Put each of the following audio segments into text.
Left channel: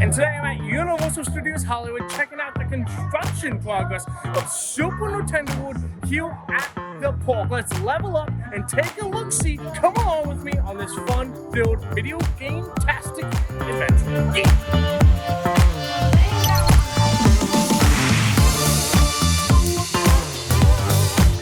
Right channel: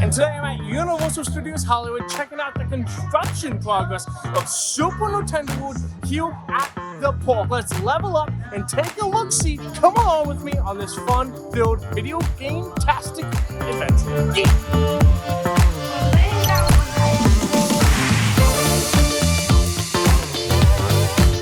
And today I'm at Universal Studios Hollywood checking out the construction progress of Super Nintendo World here at the park. Let's level up and take a look-see. Come along with me on this fun-filled video game-tastic adventure.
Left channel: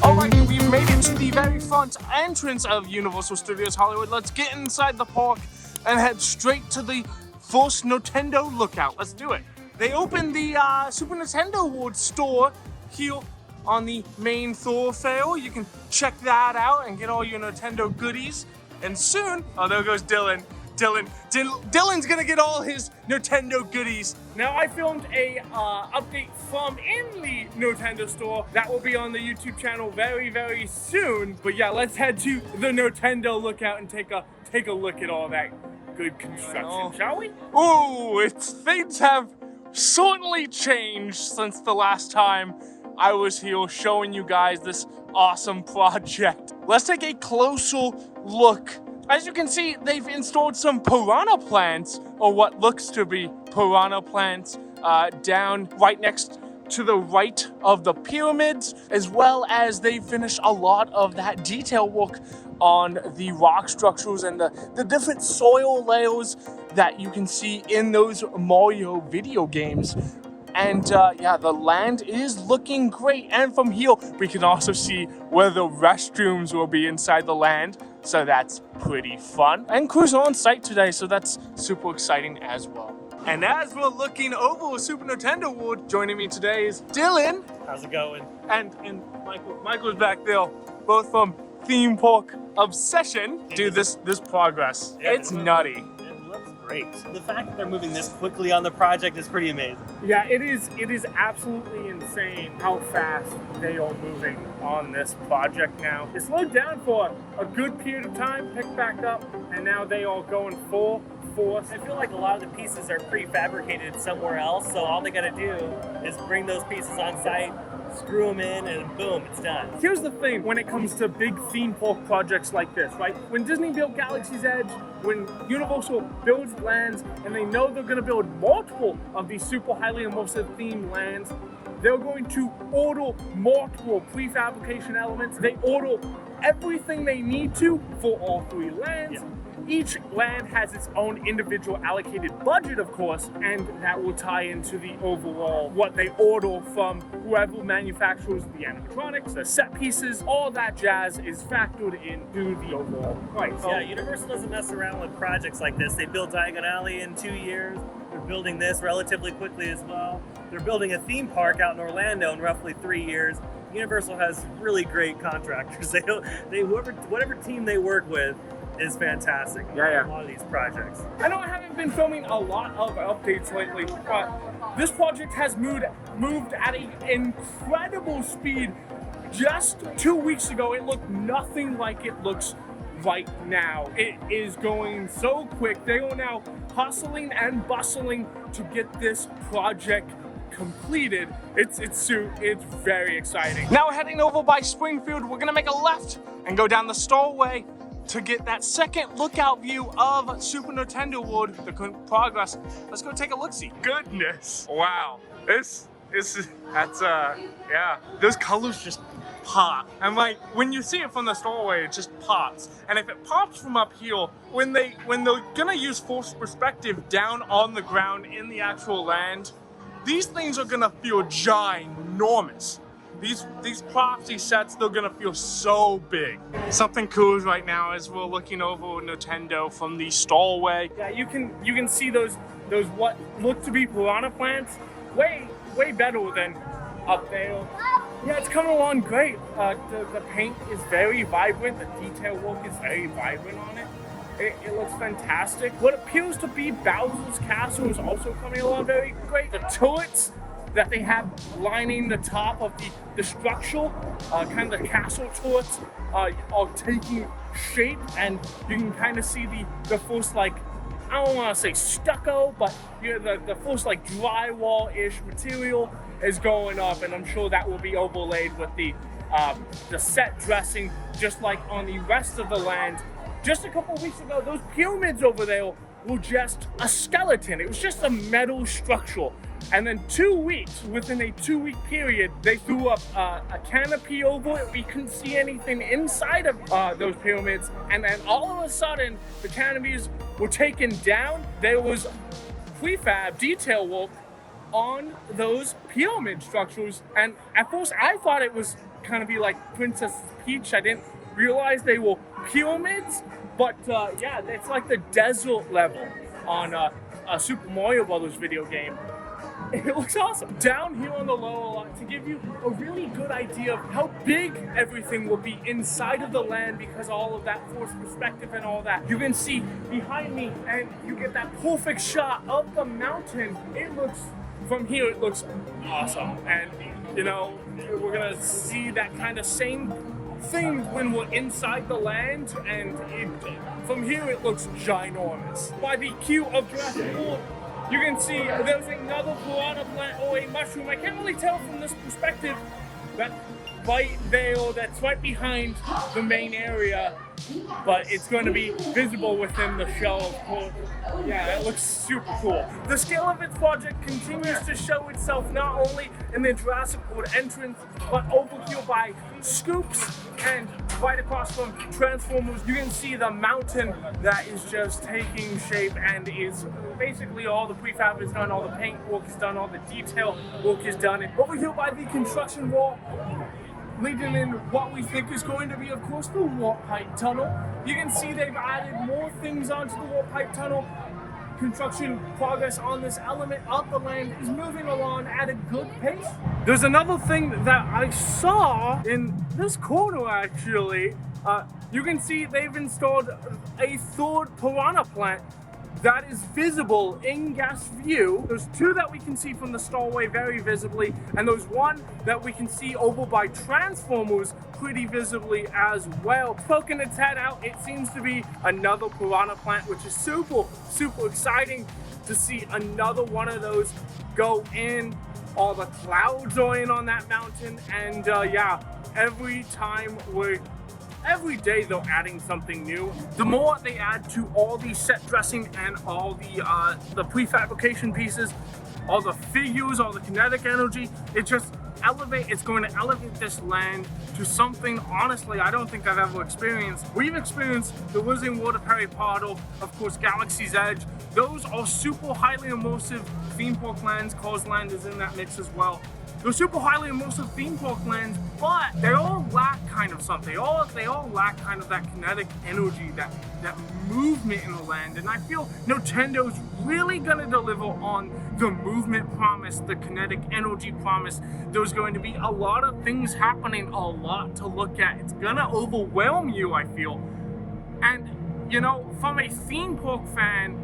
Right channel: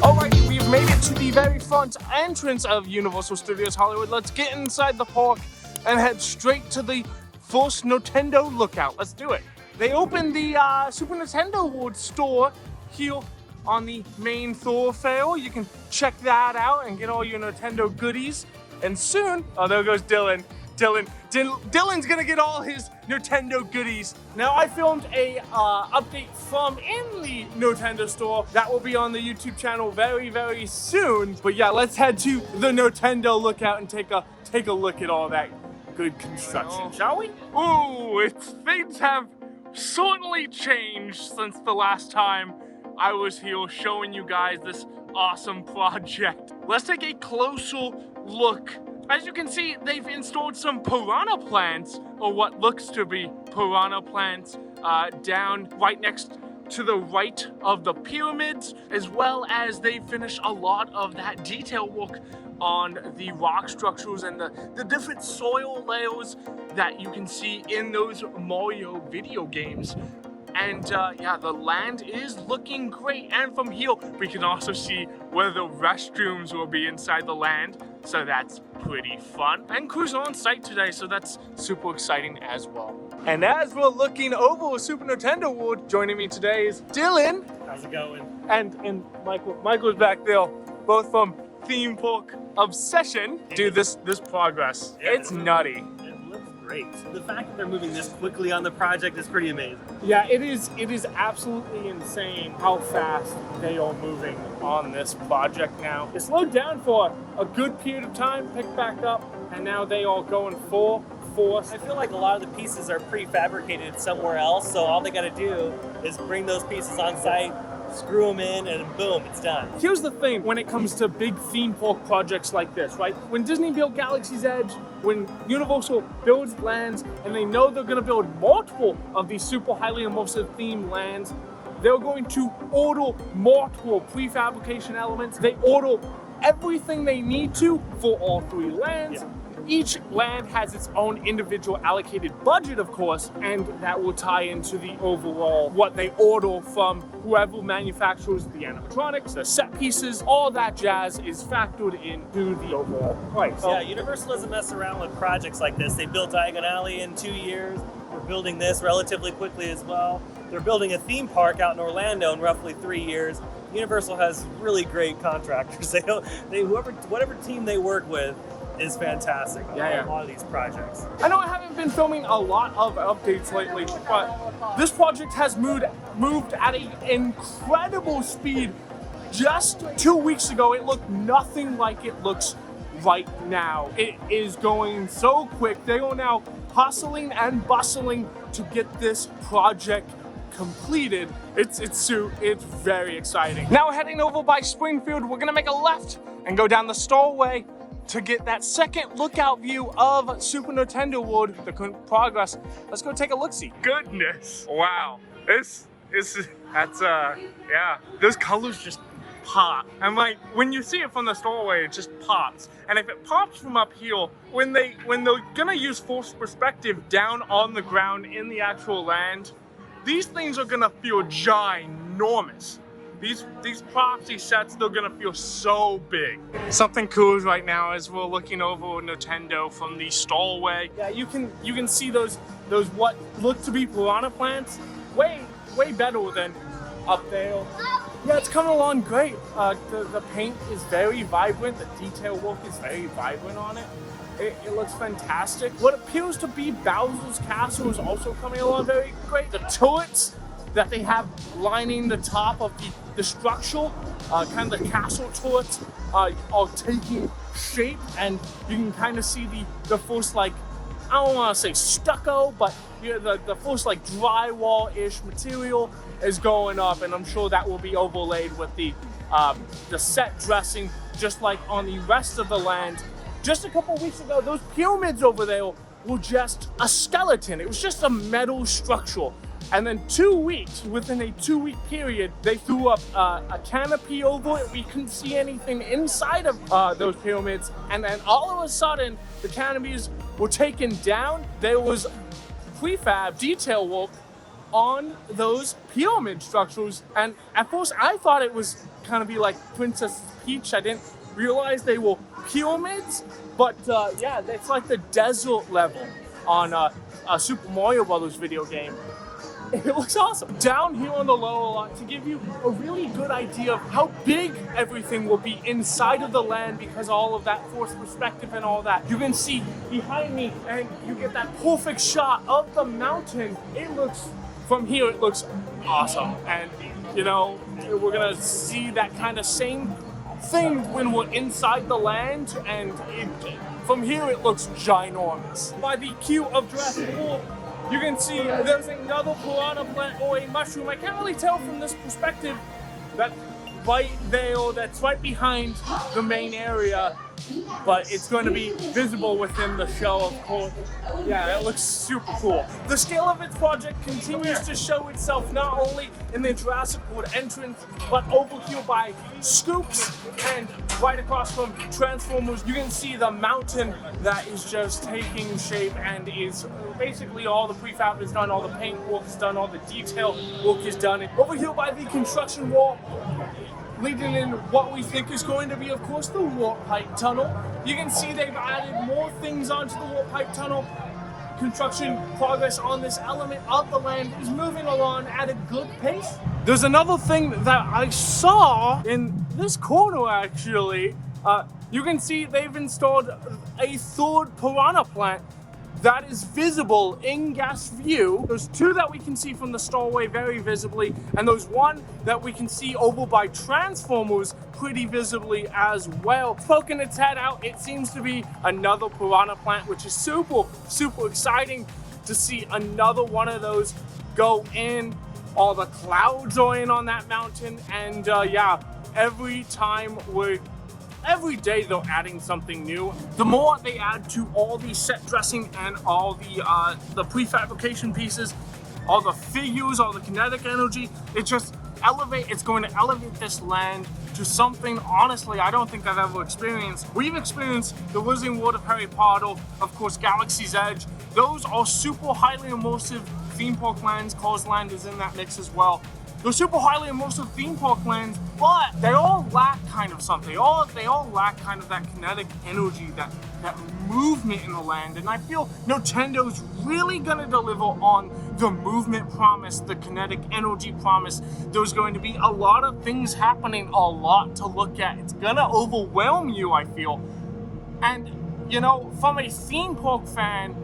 Alright, we've made it to the very front entrance of Universal Studios Hollywood. Let's get inside the park and head straight to the first Nintendo lookout. Let's do it. They opened the Super Nintendo World store here on the main thoroughfare. You can check that out and get all your Nintendo goodies. And soon, oh, there goes Dylan. Dylan's gonna get all his Nintendo goodies. Now I filmed a update from in the Nintendo store that will be on the YouTube channel very, very soon. But yeah, let's head to the Nintendo lookout and take a look at all that good construction, shall we? Ooh, things have certainly changed since the last time I was here showing you guys this awesome project. Let's take a closer look. As you can see, they've installed some piranha plants, or what looks to be piranha plants, down right next to the right of the pyramids, as well as they finished a lot of that detail work on the rock structures and the different soil layers that you can see in those Mario video games. And yeah, the land is looking great. And from here, we can also see where the restrooms will be inside the land. So that's pretty fun. And crews are on site today, so that's super exciting as well. And as we're looking over Super Nintendo World, joining me today is Dylan. How's it going? And Michael. Michael's back there, both from Theme Park Obsession. Dude, this progress, it's nutty. It looks great. The fact that they're moving this quickly on the project is pretty amazing. Yeah, it is absolutely insane how fast they are moving on this project now. It slowed down for a good period of time, picked back up, and now they are going full force. I feel like a lot of the pieces are prefabricated somewhere else, so all they gotta do is bring those pieces on site, screw them in, and boom, it's done. Here's the thing when it comes to big theme park projects like this, right? When Disney built Galaxy's Edge, when Universal builds lands, and they know they're gonna build multiple of these super highly immersive themed lands, they're going to order multiple prefabrication elements. They order everything they need to for all three lands. Yeah. Each land has its own individual allocated budget, of course, and that will tie into the overall what they order from whoever manufactures the animatronics, the set pieces, all that jazz is factored into the overall price. Yeah, Universal doesn't mess around with projects like this. They built Diagon Alley in 2 years. They're building this relatively quickly as well. They're building a theme park out in Orlando in roughly 3 years. Universal has really great contractors. Whatever team they work with is fantastic. Yeah. A lot of these projects. I know I haven't been filming a lot of updates lately, but this project has moved at an incredible speed. Just 2 weeks ago, it looked nothing like it looks right now. It is going so quick. They are now hustling and bustling to get this project completed. It's very exciting. Now heading over by Springfield, we're gonna make a left and go down the Starway to get that second lookout view of Super Nintendo World, the progress. Let's go take a look-see. Goodness, wow. Yeah, those colors just pop. And like, when you see it from the Starway, it just pops. And if it pops from up here, when they're gonna use forced perspective down on the ground in the actual land, these things are gonna feel ginormous. These props, these sets, they're gonna feel so big. Something cool right now as we're looking over Nintendo from the Starway. Yeah, you can see those what look to be piranha plants way better than up there. Yeah, it's coming along great. The paint is very vibrant. The detail work is very vibrant on it. It looks fantastic. What appears to be Bowser's Castle is also coming along very great. The turrets that they have lining the top of the structure, kind of the castle turrets, are taking shape, and you can kind of see the first, like, I don't want to say stucco, but the first like drywall-ish material is going up, and I'm sure that will be overlaid with the set dressing, just like on the rest of the land. Just a couple weeks ago, those pyramids over there were just a skeleton. It was just a metal structure. And then 2 weeks, within a 2-week period, they threw up a canopy over it. We couldn't see anything inside of those pyramids. And then all of a sudden, the canopies were taken down. There was prefab detail work on those pyramid structures. And at first, I thought it was kind of be like Princess Peach. I didn't realize they were pyramids. But yeah, it's like the desert level on a Super Mario Brothers video game. It looks awesome. Down here on the lower lot, to give you a really good idea of how big everything will be inside of the land because all of that forced perspective and all that. You can see behind me and you get that perfect shot of the mountain. It looks, from here, it looks awesome. And, you know, we're gonna see that kind of same thing when we're inside the land, and from here it looks ginormous. By the queue of Jurassic World, you can see there's another piranha plant or a mushroom. I can't really tell from this perspective. That right there, that's right behind the main area, but it's going to be visible within the show, of course. Yeah, it looks super cool. The scale of its project continues to show itself not only in the Jurassic World entrance, but over here by Scoops and right across from Transformers. You can see the mountain that is just taking shape and is basically all the prefab is done, all the paint work is done, all the detail work is done. And over here by the construction wall, leading in what we think is going to be, of course, the warp pipe tunnel. You can see they've added more things onto the warp pipe tunnel. Construction progress on this element of the land is moving along at a good pace. There's another thing that I saw in this corner, actually. You can see they've installed a third piranha plant that is visible in guest view. There's two that we can see from the Starway very visibly, and there's one that we can see over by Transformers pretty visibly as well. Poking its head out, it seems to be another piranha plant, which is super, super exciting to see another one of those go in. All the clouds are in on that mountain, and yeah, every day they're adding something new. The more they add to all the set dressing and all the prefabrication pieces, all the figures, all the kinetic energy, it's going to elevate this land to something, honestly, I don't think I've ever experienced. We've experienced the Wizarding World of Harry Potter, of course, Galaxy's Edge. Those are super highly immersive theme park lands. Cars Land is in that mix as well. They're super highly immersive theme park lands, but they all lack kind of something. They all lack kind of that kinetic energy, that movement in the land. And I feel Nintendo's really gonna deliver on the movement promise, the kinetic energy promise. There's going to be a lot of things happening, a lot to look at. It's gonna overwhelm you, I feel. And, you know, from a theme park fan,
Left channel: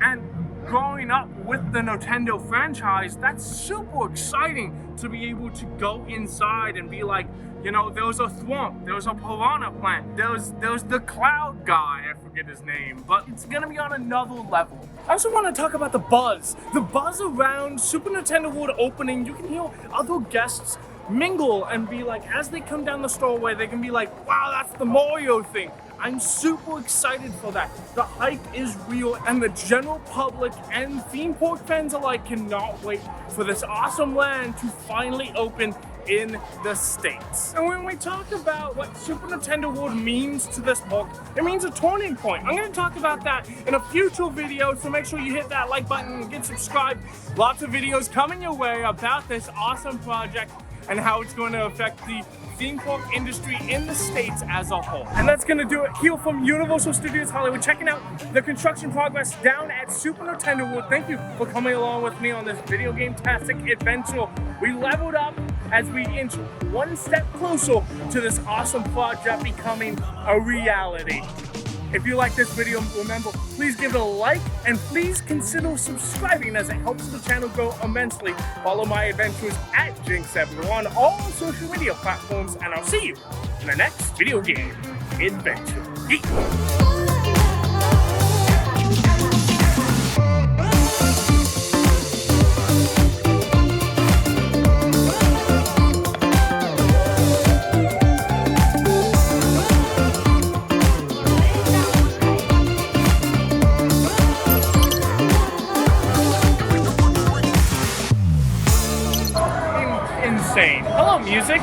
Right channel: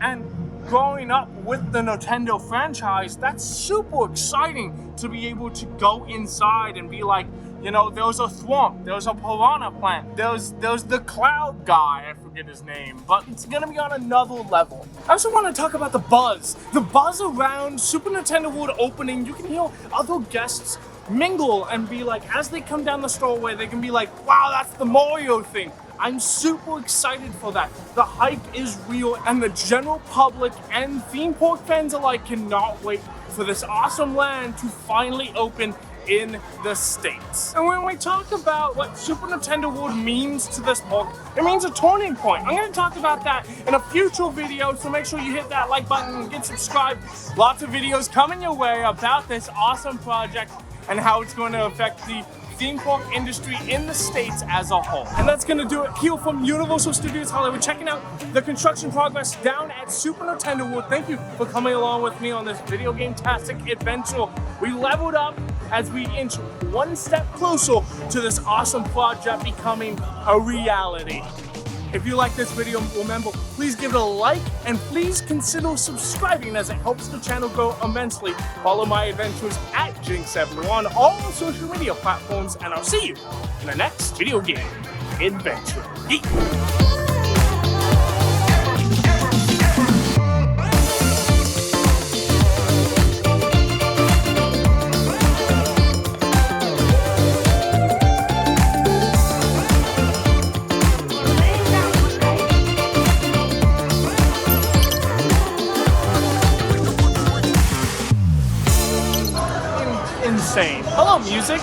and growing up with the Nintendo franchise, that's super exciting to be able to go inside and be like, you know, there's a Thwomp, there's a piranha plant, there's the cloud guy, I forget his name, but it's gonna be on another level. I also want to talk about the buzz. The buzz around Super Nintendo World opening. You can hear other guests mingle and be like, as they come down the Starway, they can be like, wow, that's the Mario thing. I'm super excited for that. The hype is real, and the general public and theme park fans alike cannot wait for this awesome land to finally open in the States. And when we talk about what Super Nintendo World means to this park, it means a turning point. I'm going to talk about that in a future video, so make sure you hit that like button and get subscribed. Lots of videos coming your way about this awesome project and how it's going to affect the theme park industry in the States as a whole. And that's gonna do it here from Universal Studios Hollywood, checking out the construction progress down at Super Nintendo World. Thank you for coming along with me on this video game-tastic adventure. We leveled up as we inch one step closer to this awesome project becoming a reality. If you like this video, remember, please give it a like and please consider subscribing as it helps the channel grow immensely. Follow my adventures at Jinx on all social media platforms, and I'll see you in the next video game adventure. insane. Hello, music.